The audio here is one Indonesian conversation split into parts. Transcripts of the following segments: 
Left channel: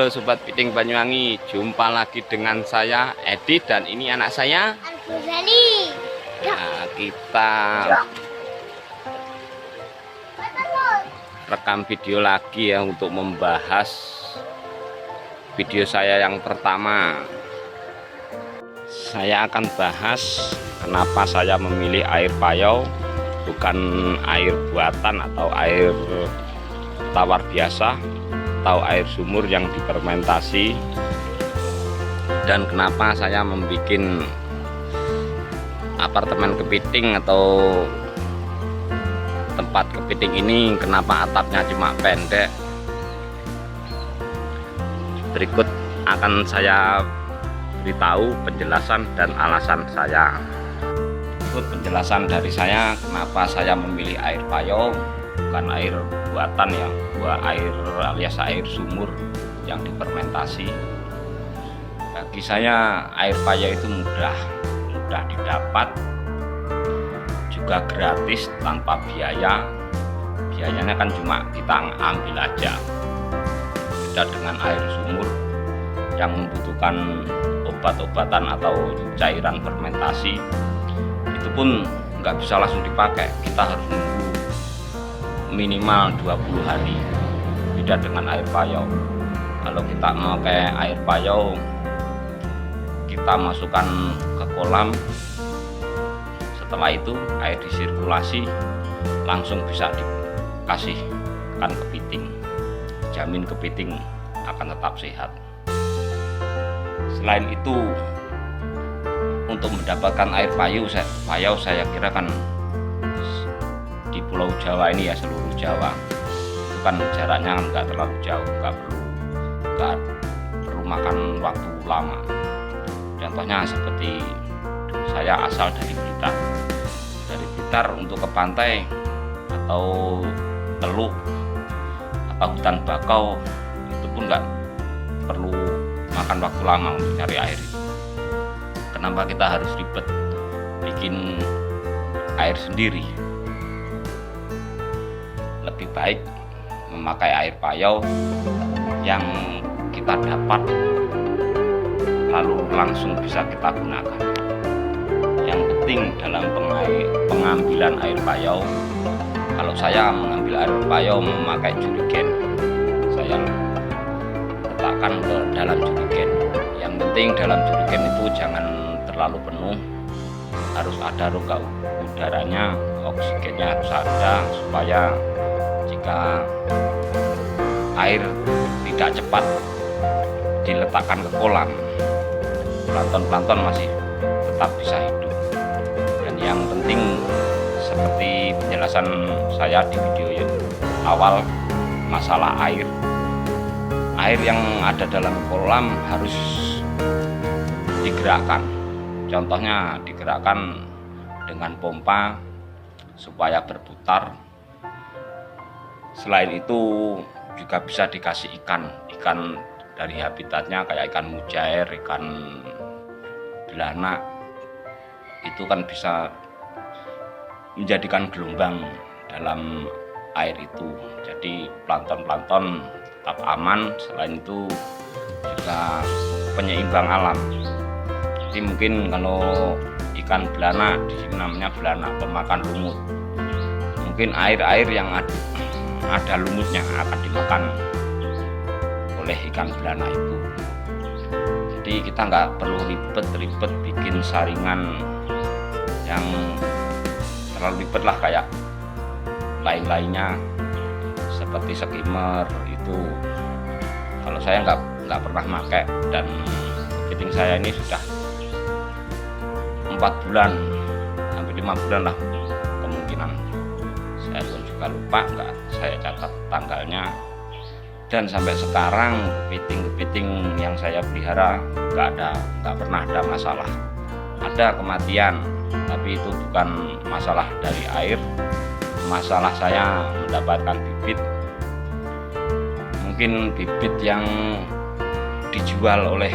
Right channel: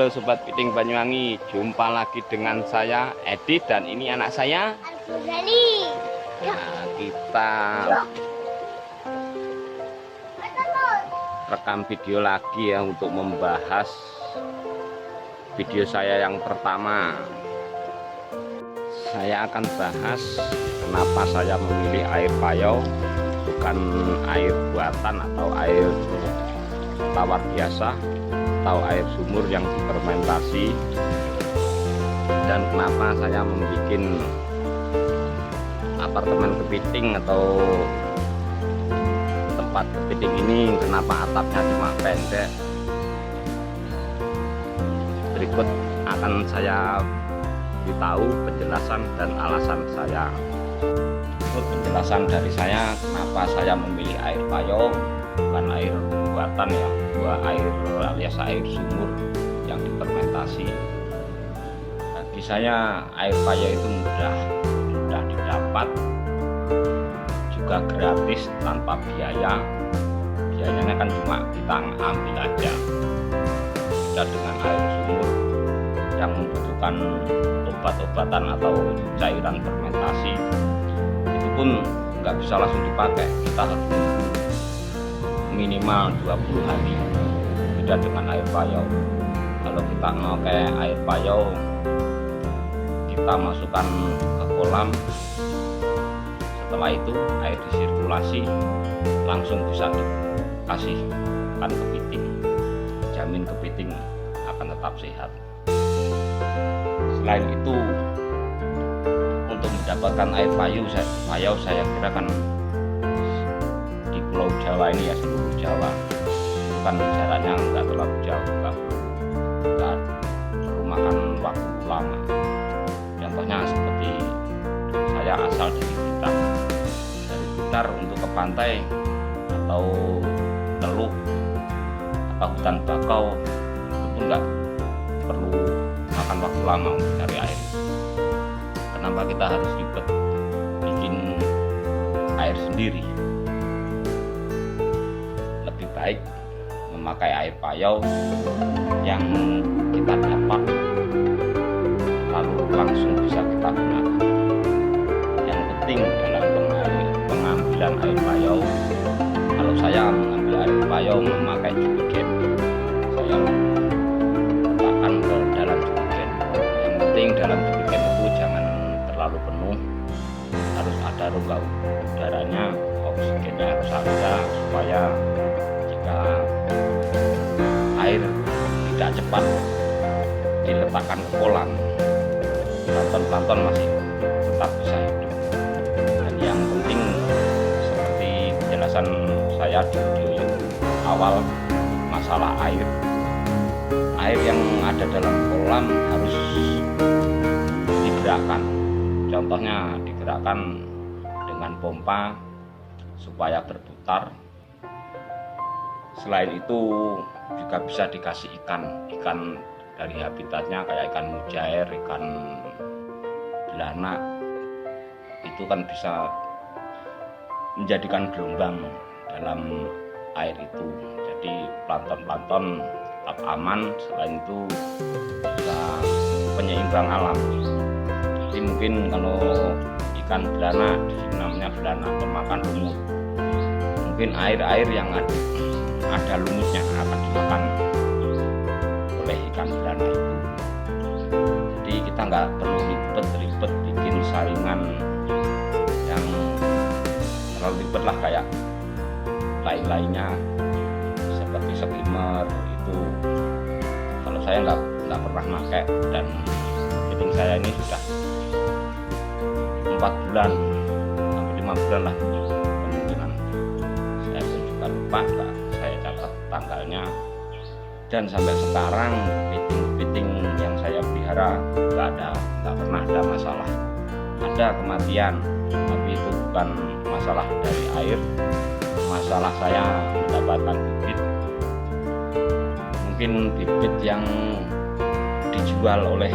Halo Sobat Piting Banyuwangi, jumpa lagi dengan saya Edi dan ini anak saya Al-Ghazali. Nah, kita rekam video lagi ya untuk membahas video saya yang pertama. Saya akan bahas kenapa saya memilih air payau bukan air buatan atau air tawar biasa atau air sumur yang difermentasi, dan kenapa saya membuat apartemen kepiting atau tempat kepiting ini, kenapa atapnya cuma pendek. Berikut akan saya beritahu penjelasan dan alasan saya. Berikut penjelasan dari saya kenapa saya memilih air payau bukan air buatan ya, air alias air sumur yang difermentasi. Bagi saya air payau itu mudah didapat, juga gratis tanpa biaya. Biayanya kan cuma kita ambil aja. Beda dengan air sumur yang membutuhkan obat-obatan atau cairan fermentasi, itu pun nggak bisa langsung dipakai, kita harus nunggu minimal 20 hari. Beda dengan air payau. Kalau kita memakai air payau, kita masukkan ke kolam, setelah itu air disirkulasi, langsung bisa dikasihkan kepiting. Jamin kepiting akan tetap sehat. Selain itu, untuk mendapatkan air payau saya kira kan di Pulau Jawa ini ya, seluruh Jawa itu kan jaraknya nggak terlalu jauh, nggak perlu makan waktu lama. Contohnya seperti saya asal dari Blitar untuk ke pantai atau teluk atau hutan bakau itu pun nggak perlu makan waktu lama untuk cari air. Kenapa kita harus ribet bikin air sendiri? Lebih baik memakai air payau yang kita dapat lalu langsung bisa kita gunakan. Yang penting dalam pengambilan air payau, kalau saya mengambil air payau memakai jerigen, saya letakkan ke dalam jerigen. Yang penting dalam jerigen itu jangan terlalu penuh, harus ada rongga udaranya, oksigennya harus ada, supaya jika air tidak cepat diletakkan ke kolam, plankton masih tetap bisa hidup. Dan yang penting seperti penjelasan saya di video yang awal, masalah air yang ada dalam kolam harus digerakkan. Contohnya digerakkan dengan pompa supaya berputar. Selain itu juga bisa dikasih ikan dari habitatnya, kayak ikan mujair, ikan belanak. Itu kan bisa menjadikan gelombang dalam air itu, jadi plankton tetap aman. Selain itu juga penyeimbang alam. Jadi mungkin kalau ikan belanak, di sini namanya belanak pemakan lumut, mungkin air yang ada lumutnya akan dimakan oleh ikan belanak itu. Jadi kita nggak perlu ribet bikin saringan yang terlalu ribet lah, kayak lainnya seperti skimmer itu. Kalau saya nggak pernah pakai, dan kepiting saya ini sudah 4 bulan, hampir 5 bulan lah kemungkinan. Saya pun juga lupa, nggak saya catat tanggalnya. Dan sampai sekarang kepiting yang saya pelihara nggak pernah ada masalah. Ada kematian, tapi itu bukan masalah dari air. Masalah saya mendapatkan bibit. Mungkin bibit yang dijual oleh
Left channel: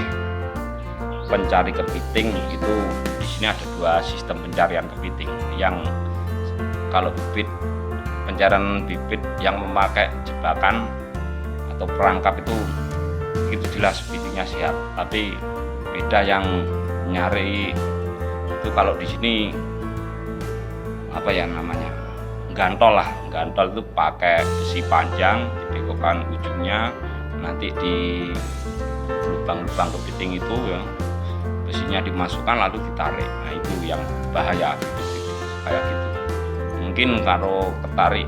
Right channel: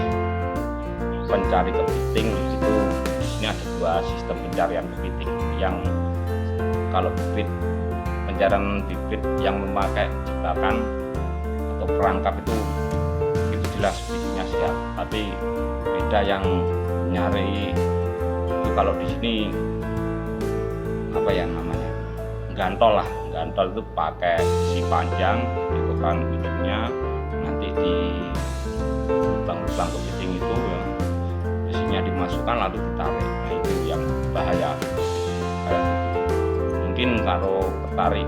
pencari kepiting itu, di sini ada 2 sistem pencarian kepiting. Yang kalau pencarian bibit yang memakai jebakan atau perangkap itu itu jelas bibitnya siap, tapi beda yang nyari itu. Kalau di sini apa ya namanya, gantol lah, gantol itu pakai besi panjang, dibekukan ujungnya, nanti di lubang-lubang kepiting itu ya besinya dimasukkan lalu ditarik. Nah itu yang bahaya kayak gitu. Mungkin kalau ketarik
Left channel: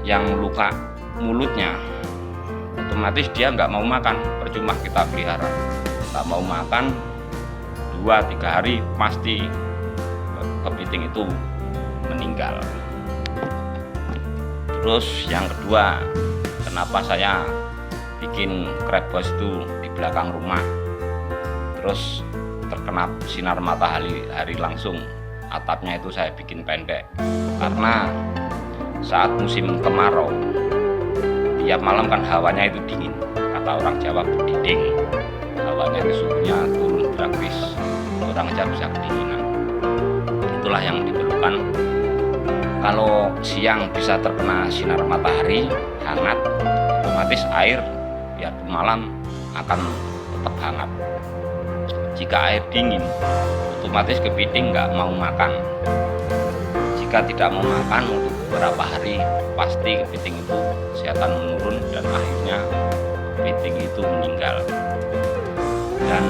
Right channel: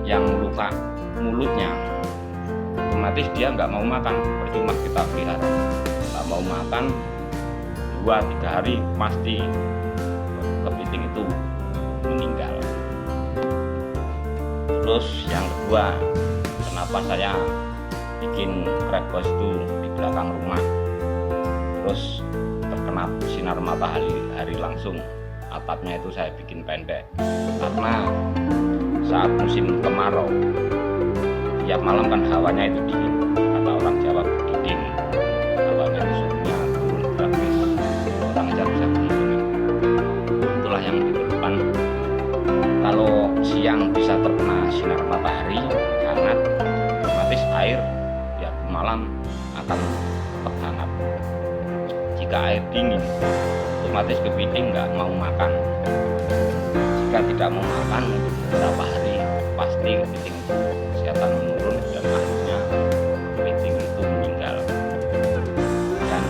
yang luka mulutnya, otomatis dia nggak mau makan, percuma kita pelihara. Nggak mau makan 2-3 hari pasti kepiting itu meninggal. Terus yang kedua, kenapa saya bikin krebs itu di belakang rumah, terus terkena sinar matahari langsung, atapnya itu saya bikin pendek karena saat musim kemarau tiap malam kan hawanya itu dingin, kata orang Jawa berdiding, hawanya itu suhunya turun drastis, orang aja bisa kedinginan. Itulah yang diperlukan. Kalau siang bisa terkena sinar matahari hangat, otomatis air biarpun malam akan tetap hangat. Jika air dingin, otomatis kepiting nggak mau makan. Jika tidak mau makan untuk beberapa hari, pasti kepiting itu kesehatan menurun dan akhirnya kepiting itu meninggal. Dan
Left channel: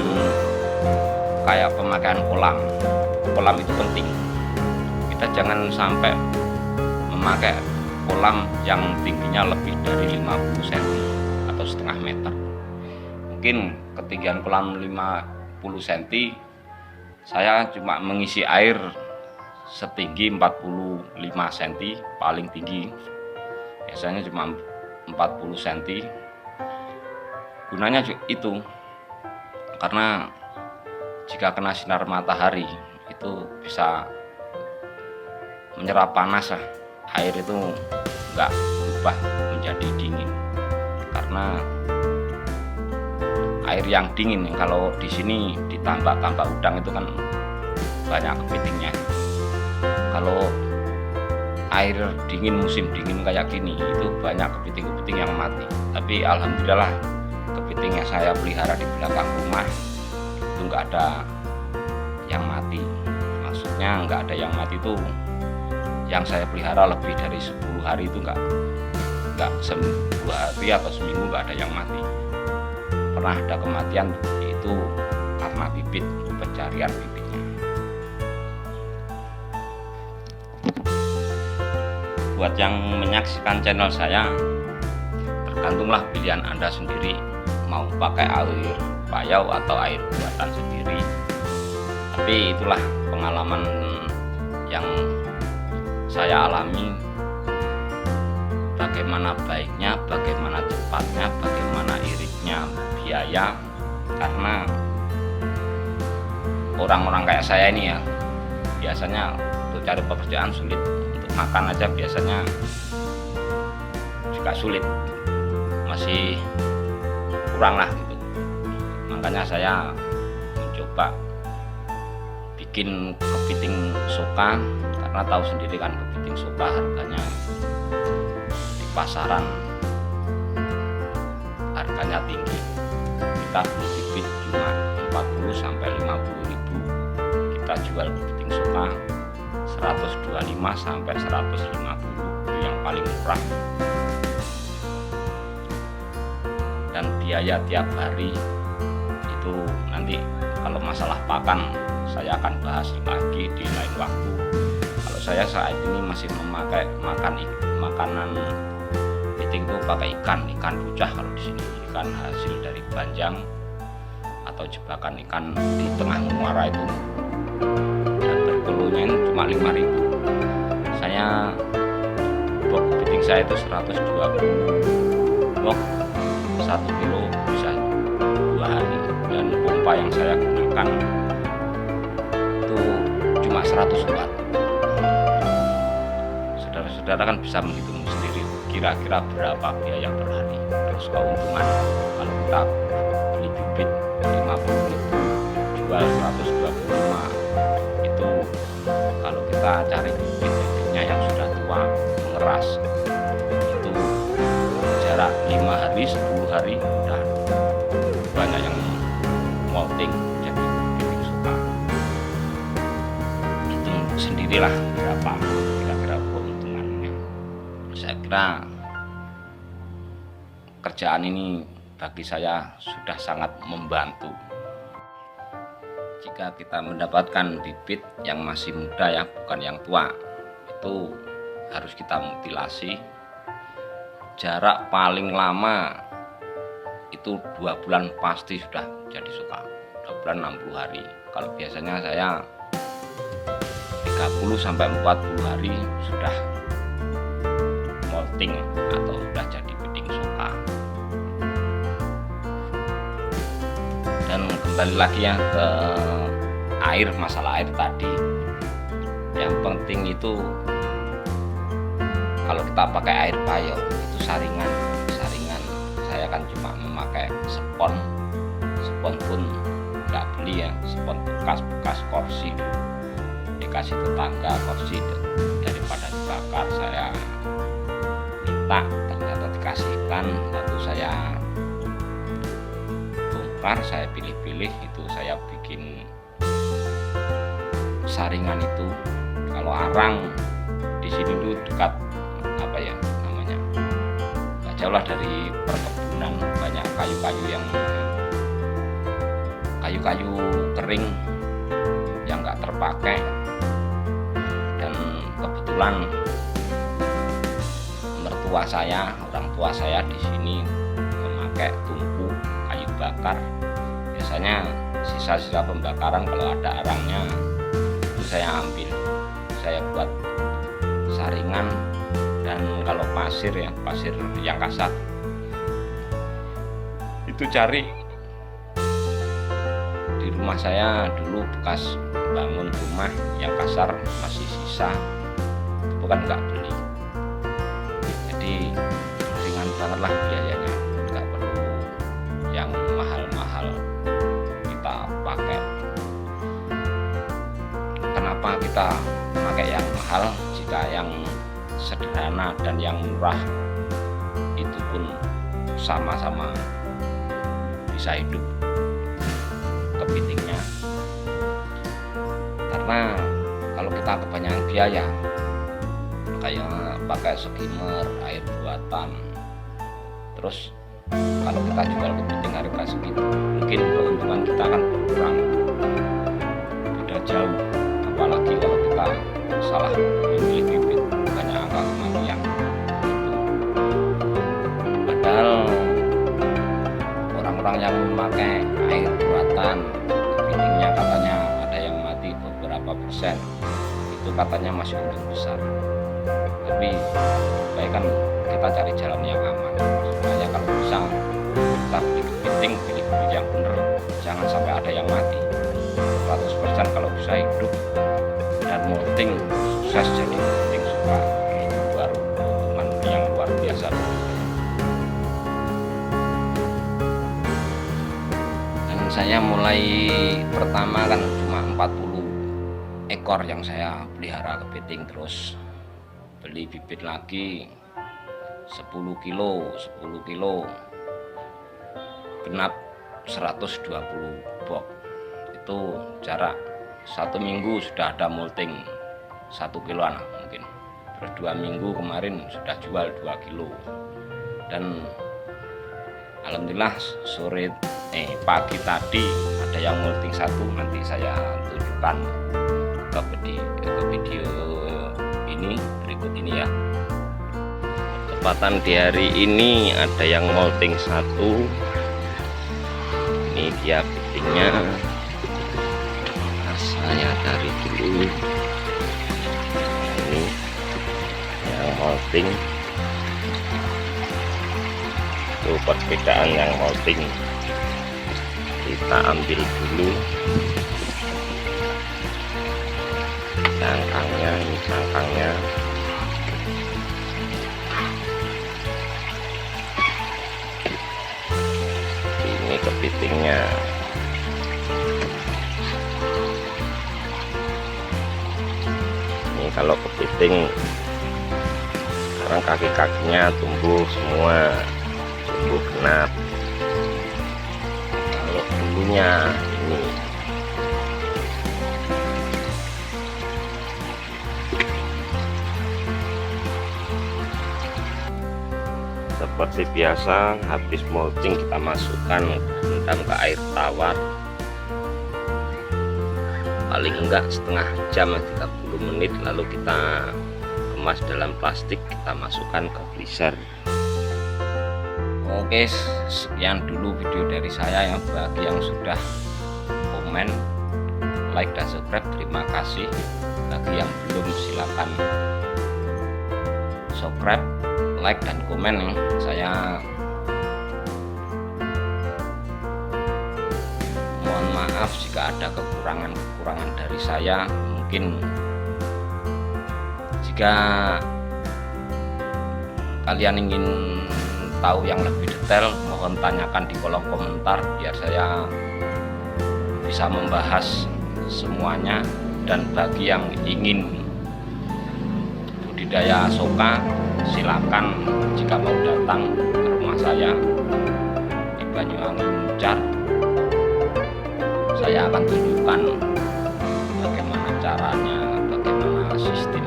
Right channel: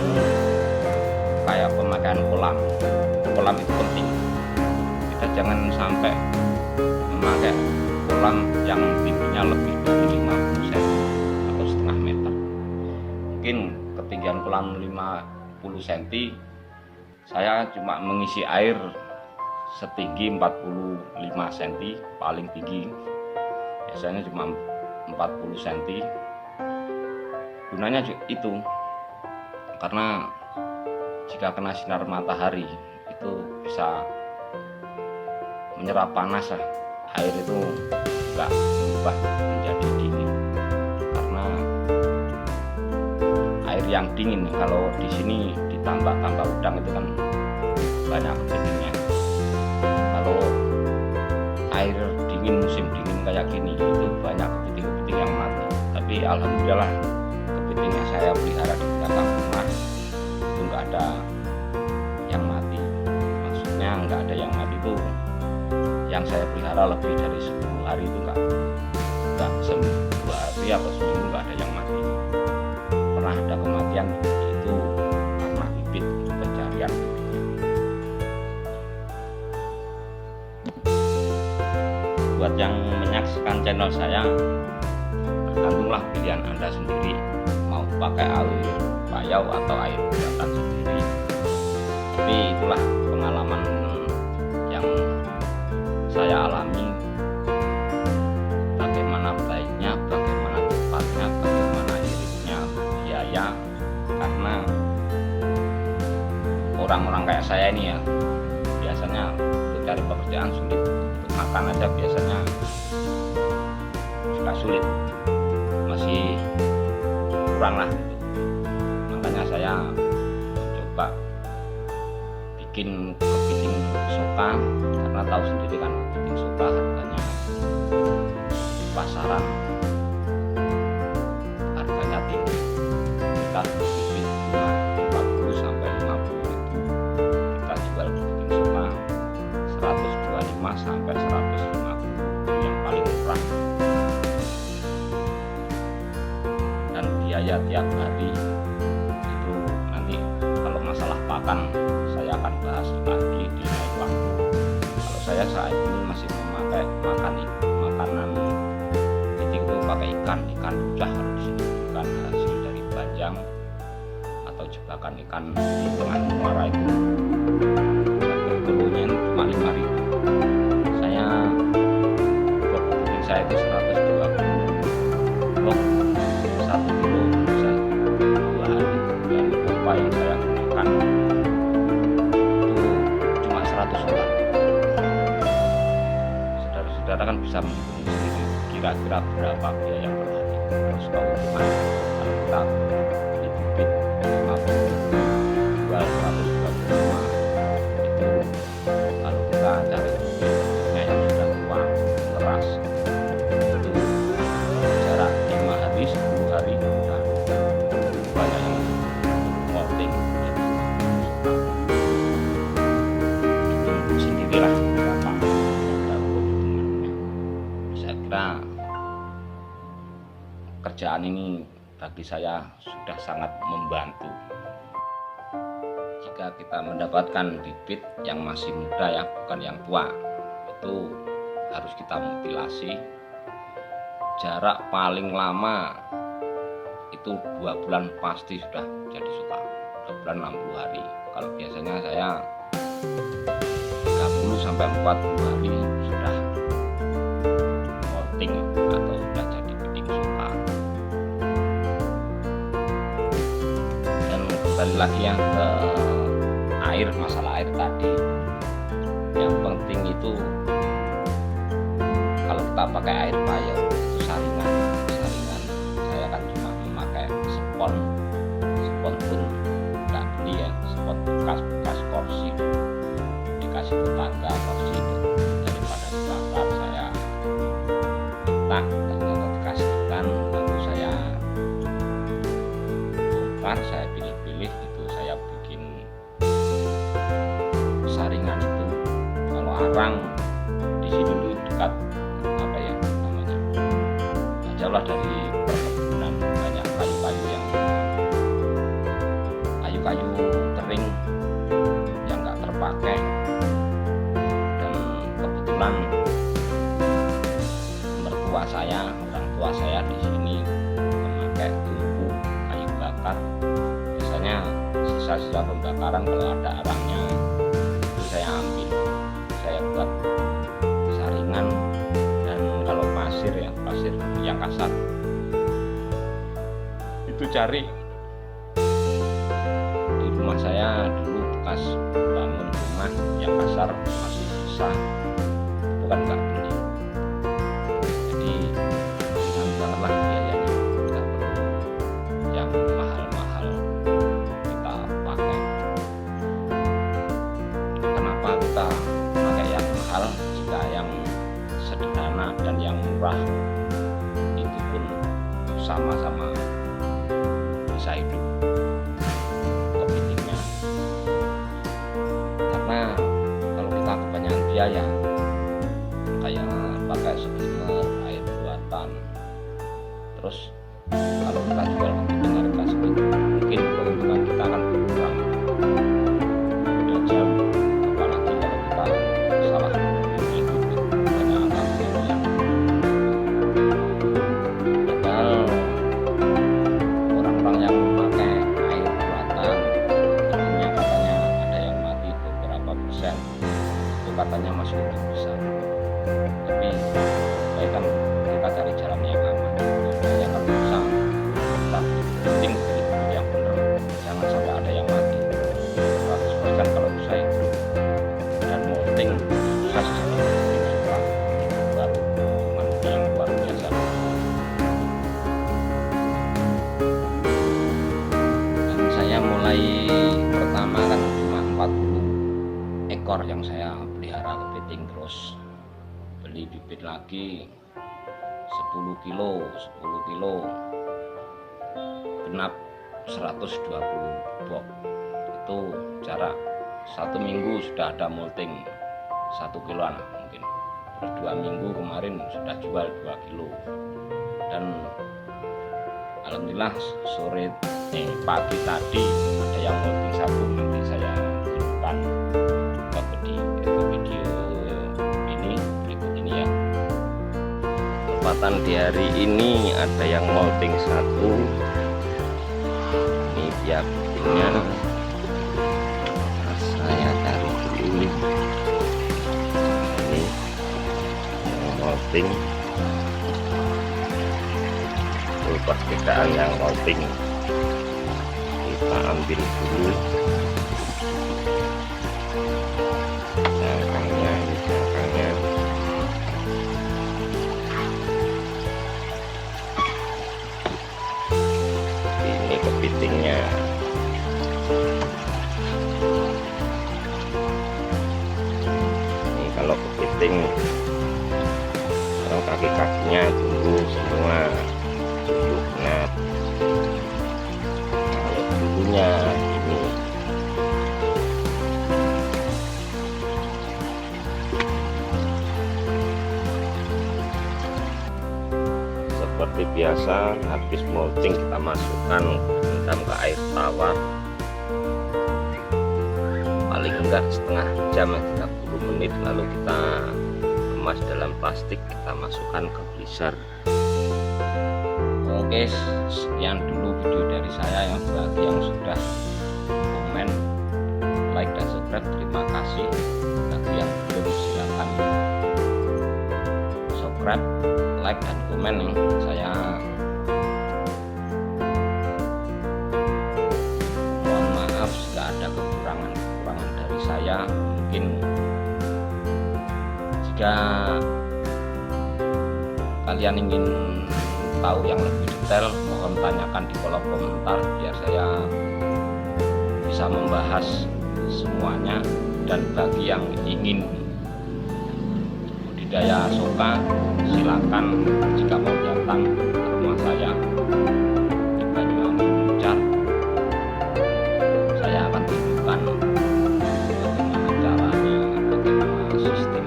kayak pemakaian kolam itu penting. Kita jangan sampai memakai kolam yang tingginya lebih dari 50 cm atau setengah meter. Mungkin ketinggian kolam 50 cm, saya cuma mengisi air setinggi 45 cm, paling tinggi biasanya cuma 40 cm. Gunanya itu karena jika kena sinar matahari itu bisa menyerap panas lah, air itu enggak berubah menjadi dingin. Karena air yang dingin, kalau di sini ditambak udang itu kan banyak kepitingnya. Kalau air dingin, musim dingin kayak gini, itu banyak kepiting-kepiting yang mati. Tapi alhamdulillah kepiting yang saya pelihara di belakang rumah itu enggak ada yang mati. Maksudnya enggak ada yang mati itu yang saya pelihara lebih dari 10 hari itu enggak 2 hari atau seminggu enggak ada yang mati. Pernah ada kematian itu karena bibit, pencarian bibitnya. Buat yang menyaksikan channel saya, tergantunglah pilihan Anda sendiri, mau pakai air payau atau air buatan sendiri. Tapi itulah pengalaman yang saya alami, bagaimana baiknya, bagaimana cepatnya, bagaimana iritnya biaya. Karena orang-orang kayak saya ini ya, biasanya untuk cari pekerjaan sulit, untuk makan aja biasanya juga sulit, masih kurang lah gitu. Makanya saya mencoba bikin kepiting soka, karena tahu sendiri kan kepiting soka harganya di pasaran harganya tinggi. Kita beli bibit cuma 40 sampai 50 ribu, kita jual kepiting soka 125 sampai 150, itu yang paling murah. Dan biaya tiap hari itu nanti kalau masalah pakan saya akan bahas lagi di lain waktu. Kalau saya saat ini masih memakai makanan kepiting itu pakai ikan rucah. Kalau di sini ikan hasil dari banjang atau jebakan ikan di tengah muara itu, dan per kilonya cuma 5.000. Saya box kepiting saya itu 120 box, 1 kilo bisa 2 hari. Dan pompa yang saya gunakan itu cuma 100 watt. Saudara-saudara kan bisa menghitung sendiri kira-kira berapa biaya per hari. Terus keuntungan kalau kita beli bibit 50.000 jual 125, itu kalau kita cari bibitnya yang sudah tua mengeras itu jarak 5 hari 10 hari udah banyak yang molting jadi kepiting suka. Hitung sendirilah berapa kira-kira keuntungannya. Saya kira kerjaan ini bagi saya sudah sangat membantu. Jika kita mendapatkan bibit yang masih muda ya, bukan yang tua, itu harus kita mutilasi. Jarak paling lama itu 2 bulan pasti sudah jadi suka, 2 bulan 60 hari. Kalau biasanya saya 30 sampai 40 hari sudah molting atau sudah jadi piting suka. Dan kembali lagi ya ke air, masalah air tadi. Yang penting itu kalau kita pakai air payo itu saringan. Saya kan cuma memakai spon pun nggak beli ya, spon bekas kursi dikasih tetangga kursi, daripada dibakar saya minta, ternyata dikasihkan, lalu saya bongkar, saya pilih-pilih, itu saya bikin saringan itu. Kalau arang di sini tuh dekat apa ya namanya, nggak jauh lah dari perkebunan, banyak kayu-kayu kering yang nggak terpakai. Dan kebetulan orang tua saya di sini memakai tungku kayu bakar. Biasanya sisa-sisa pembakaran kalau ada arangnya itu saya ambil, saya buat saringan. Dan kalau pasir ya, pasir yang kasar itu cari di rumah saya dulu bekas bangun rumah yang kasar masih sisa, itu kan nggak beli, jadi ringan banget lah biayanya, nggak perlu yang mahal-mahal kita pakai. Kenapa kita pakai yang mahal jika yang sederhana dan yang murah itu pun sama-sama bisa hidup kepitingnya? Karena kalau kita kebanyakan biaya kayak pakai skimmer, air buatan, terus kalau kita jual kepiting harga segitu, mungkin keuntungan kita akan berkurang, beda jauh. Apalagi kalau kita salah memilih bibit, banyak angka kematian. Padahal orang-orang yang memakai air buatan, kepitingnya katanya ada yang mati beberapa persen, itu katanya masih untung besar. Tapi baik kan kita cari jalan yang aman supaya kalau bisa kita beli kepiting, pilih bibit yang benar, jangan sampai ada yang mati. 100% kalau bisa hidup dan molting sukses jadi kepiting suka, itu baru keuntungan yang luar biasa. Saya mulai pertama kan cuma 40 ekor yang saya pelihara kepiting, terus beli bibit lagi 10 kilo genap 120 box. Itu jarak 1 minggu sudah ada molting 1 kiloan mungkin, terus 2 minggu kemarin sudah jual 2 kilo. Dan alhamdulillah pagi tadi ada yang molting 1, nanti saya tunjukkan ke video ini berikut ini ya. Tepatan di hari ini ada yang molting 1, ini dia pitingnya. Saya cari dulu, ini yang molting, itu perbedaan yang molting. Kita ambil dulu cangkangnya, ini cangkangnya. Ini kepitingnya. Ini kalau kepiting sekarang kaki-kakinya tumbuh semua, tumbuh genap. hulunya ini. Seperti biasa, habis mulching kita masukkan rendam ke air tawar, paling enggak setengah jam 30 menit, lalu kita kemas dalam plastik, kita masukkan ke freezer. Oke, sekian dulu video dari saya. Yang bagi yang sudah komen, like dan subscribe, terima kasih. Bagi yang belum, silakan subscribe, like dan komen. Saya mohon maaf jika ada kekurangan dari saya. Mungkin jika kalian ingin tahu yang lebih detail, mohon tanyakan di kolom komentar biar saya bisa membahas semuanya. Dan bagi yang ingin budidaya soka, silakan jika mau datang ke rumah saya di Banyuwangi Muncar. Saya akan tunjukkan bagaimana caranya, bagaimana sistem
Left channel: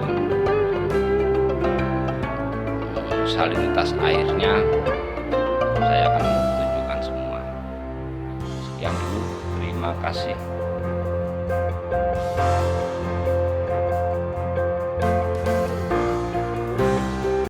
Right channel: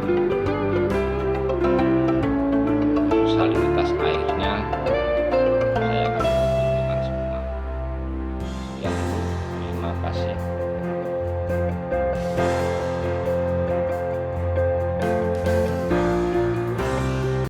salinitas airnya, saya akan tunjukkan semua. Sekian dulu, terima kasih.